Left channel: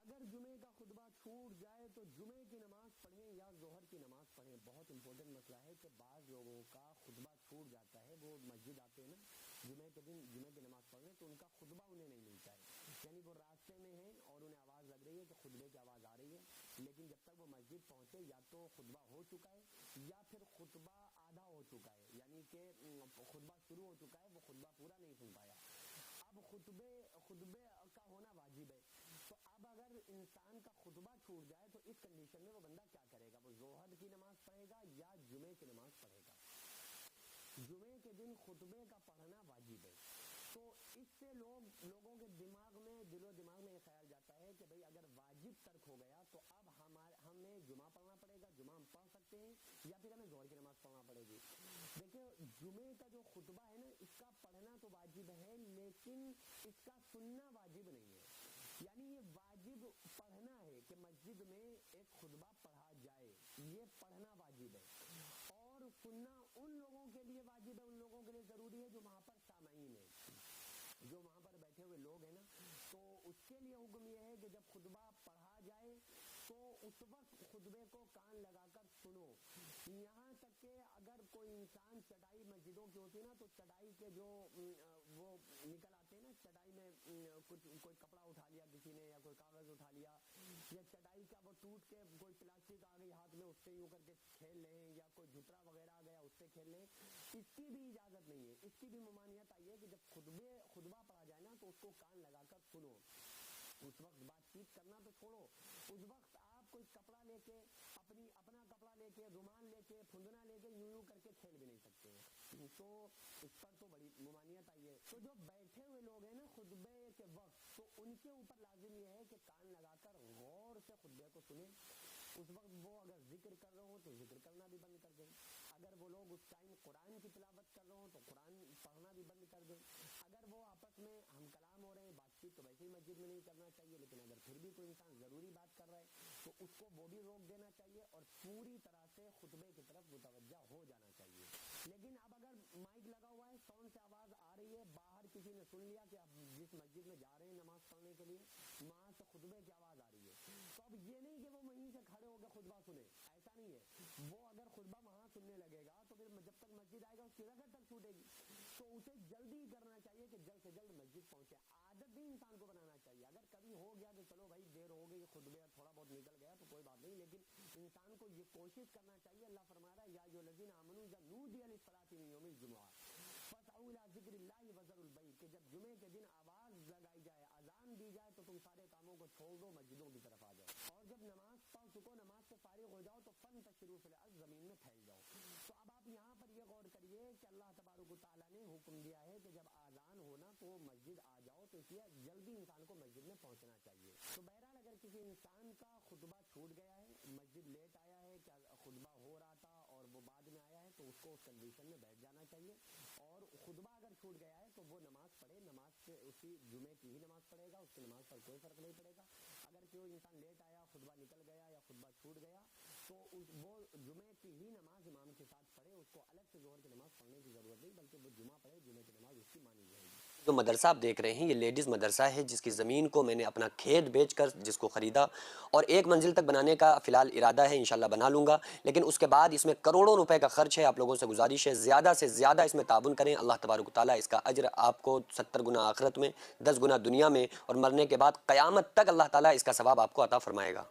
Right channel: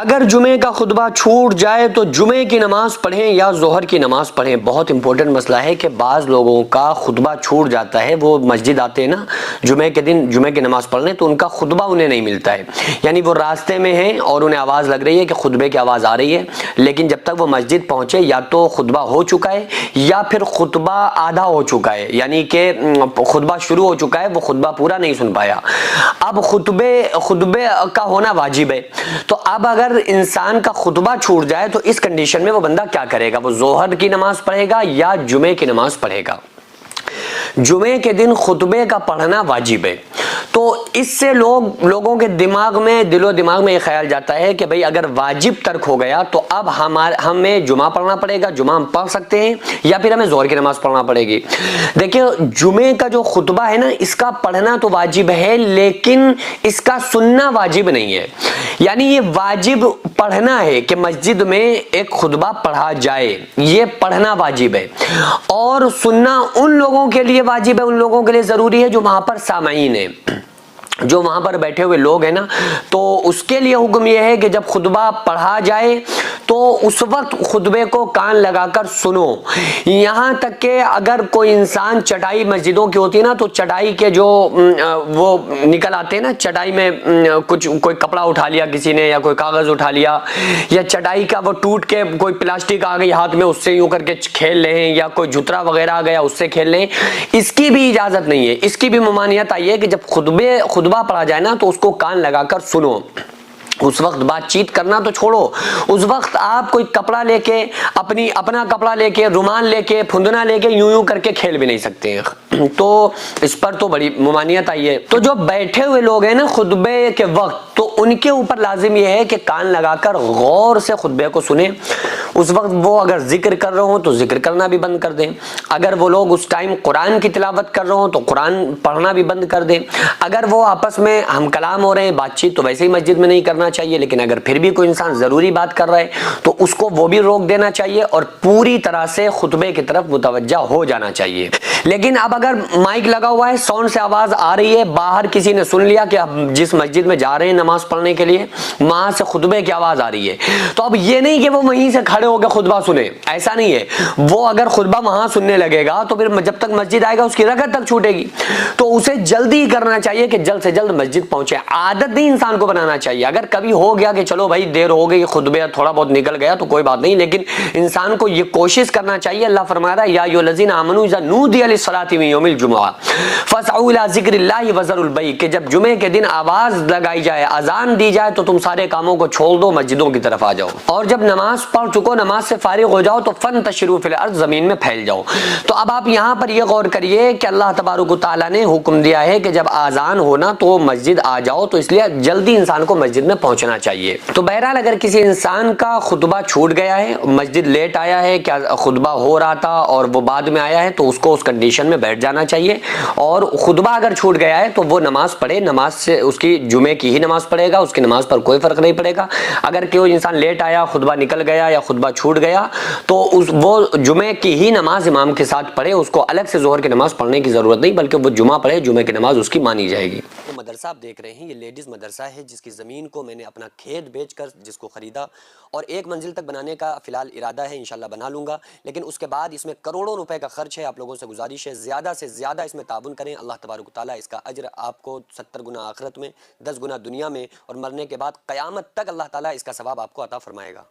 अगर जुमे का खुतबा छूट जाए तो जुमे की नमाज पढ़ें या जोहर की नमाज पढ़ें। बहुत इंपॉर्टेंट मसला है कि बाज़ लोगों का खुतबा छूट जाता है, वो मस्जिद आते हैं ना जुमे के दिन जुमे की नमाज पढ़ने, तो उनका खुतबा उन्हें नहीं मिलता है। यानी वो रास्ते में हैं और उन्हें आवाज़ लग रही है कि खुतबे की आवाज़ आ रही है, लेकिन जब तक वो मस्जिद पहुँचे या तो खुतबा हो चुका है या फिर खुतबा आधा हो चुका है, यानी कि खुतबा शुरू हो चुका है, वो खुतबा पूरा नहीं सुन पाया। अब खुतबे का होना वाजिब है। तो अब अगर इंसान का खुतबा छूट जाए तो इस कंडीशन में वो बंदा क्या करेगा? वो जोहर की नमाज पढ़ेगा या जुमे की नमाज पढ़ेगा? जुमे के दिन खुतबे का पढ़ना वाजिब है। तो इससे लोगों के दिमाग में, दिलो दिमाग में ये ख्याल जाता है कि भाई अगर वाजिब तर्क हो गया तो अब हमें जुमा पढ़ना पड़ेगा, जुमा हम पढ़ सकते हैं या फिर हमें जोहर की नमाज पढ़ना पड़ेगी। देखिए, जुमे का जो खुतबा है ना, इसका पढ़ना तो वाजिब है लेकिन इसका सुनना वाजिब नहीं है। यानी ये वाजिब पढ़ना है कि मस्जिद में एक खुतबा पढ़ा जाए, ये पढ़ना वाजिब है, और सुनना उन लोगों के लिए वाजिब है, उन लोगों के लिए जरूरी है जो वहां पर सामाईन है, जो वहां पर बैठे हुए लोग हैं ना। तो उसके लिए हुक्म यह है कि जब खुतबा पढ़ा जाए तो उस वक्त खुतबे को कान लगाकर सुनो। यहां तक कि अगर कोई इंसान, चटाई मस्जिदों की होती है ना, तो चटाई के जो वो निकल आते हैं ना, चटाई में कोई कपड़ा उठा लिया किसी ने या कोई कागज उठा लिया, या चटाई का वो टूट के कोई प्लास्टिक आ गई हाथ में, उससे यूं करके खेल लें, या कोई जुतरा वगैरह आ गया उससे खेल लें, इसकी भी इजाजत नहीं है। इसकी भी ममानियत आई है कि जब खुतबा पढ़ा जाए ना तो उसको कान लगाकर सुनो। उस वक्त बातचीत करना तो छोड़ो, उस वक्त आप कोई कपड़ा लेके, अपना कपड़ा लेके, रुमाल लेके, फुंदना लेके यूं करके खेल भी नहीं सकते हैं। तो इस पर तो बड़ी ममानियत आई है। तो जो बैठे हुए लोग हैं ना खुतबे के वक्त, तो उनके ऊपर लाजिम यह है कि कान लगाकर गौर से खुतबे को सुने। उस वक्त वो अगर जिक्र कर रहे हो तो जिक्र करना भी बंद कर दें। अगर वो लोग उस टाइम कुरान की तिलावत कर रहे हो तो कुरान पढ़ना भी बंद कर दें। अगर वो आपस में हम कलाम हो रहे हैं, बातचीत, तो वैसे ही मस्जिद में नहीं करना चाहिए, लेकिन अगर फिर भी कोई इंसान जरूरी बात कर रहा है तो उसको वो भी रोक देना चाहिए और पूरी तरह से खुतबे की तरफ मुतवज्जा हो जाना चाहिए। लेकिन अब अगर माइक लगा हुआ है, साउंड से आवाज आ रही है, बाहर किसी ने सुन लिया कि अब जिस मस्जिद में जा रहे हैं नमाज पढ़ने के लिए वहां से खुतबे की आवाज आ रही है, तो अब ये नहीं कि वो वहीं से खड़े होकर खुतबा सुने, ऐसा नहीं है। वो अगर खुतबा वहां सुनने लगेगा तो फिर जब तक मस्जिद आएगा उसकी रकअत तक छूटेगी। तो उसे जल्दी करना चाहिए कि जल्द से जल्द मस्जिद पहुंचे। आदत नहीं इंसान को बनाना चाहिए। अगर कभी हो गया कि चलो भाई देर हो गई, खुतबे थोड़ा बहुत निकल गया तो कोई बात नहीं, लेकिन इंसान को ये कोशिश करना चाहिए। अल्लाह फरमा रहा है, या अय्युहल्लज़ीना आमनू इज़ा नूदिया लिस्सलाति मिन यौमिल जुमुआ फसअू इला ज़िक्रिल्लाहि वज़रुल बैअ, कि जब जुमे के दिन आवाज लगाई जाए, अजान दी जाए, तो तुम सारे कामों को छोड़ दो, मस्जिदों की तरफ आ जाओ, और जब नमाज पढ़ चुको, नमाज से फारिग हो जाओ, तो फंतशिरू फिल अर्ज़, जमीन में फैल जाओ। तो अब आप यहाँ पर यह गौर करिए कि अल्लाह तबारक व तआला ने हुक्म दिया है कि जब आजान होना तो मस्जिद आ जाओ, तो इसलिए जल्दी इंसान को मस्जिद में पहुंचना चाहिए। तो बहरहाल अगर किसी इंसान का खुतबा छूट गया है, मस्जिद लेट आया है, क्या खुतबा हो रहा था और वो बाद में आया है, तो उसको उस कंडीशन में बैठ जाना चाहिए। और खुतबा अगर छूट गया है तो वो नमाज पढ़े, नमाज से उसकी जुमे की ही नमाज पढ़ेगा, उसकी नमाज पर कोई फर्क नहीं पड़ेगा। अगर कोई इंसान लेट आया, खुतबा निकल गया या खुतबा छूट गया, तो वो जुमे की ही नमाज इमाम के साथ पढ़े, उसको अलग से जोहर की नमाज पढ़ने की जरूरत नहीं, बल्कि वो जुमा पढ़े, जुमे की नमाज उसकी मानी जाएगी। तो मदरसा आप देख रहे हैं, ये लेडीज मदरसा है जिसकी जमीन को मैंने अपना खेत बेचकर जिसको खरीदा, और एक मंजिल तक बनाने का फिलहाल इरादा है, इंशाल्लाह बना लूंगा, लेकिन उसके बाद इसमें करोड़ों रुपए का खर्च है। आप लोगों से गुजारिश है ज़्यादा से ज़्यादा इसमें ताबुन करें। अल्लाह तबारक ताला इसका अज्र आपको 70 गुना आखिरत में, 10 गुना दुनिया में, और मरने के बाद क़यामत तक अल्लाह ताला इसका सवाब आपको अता फरमाएगा।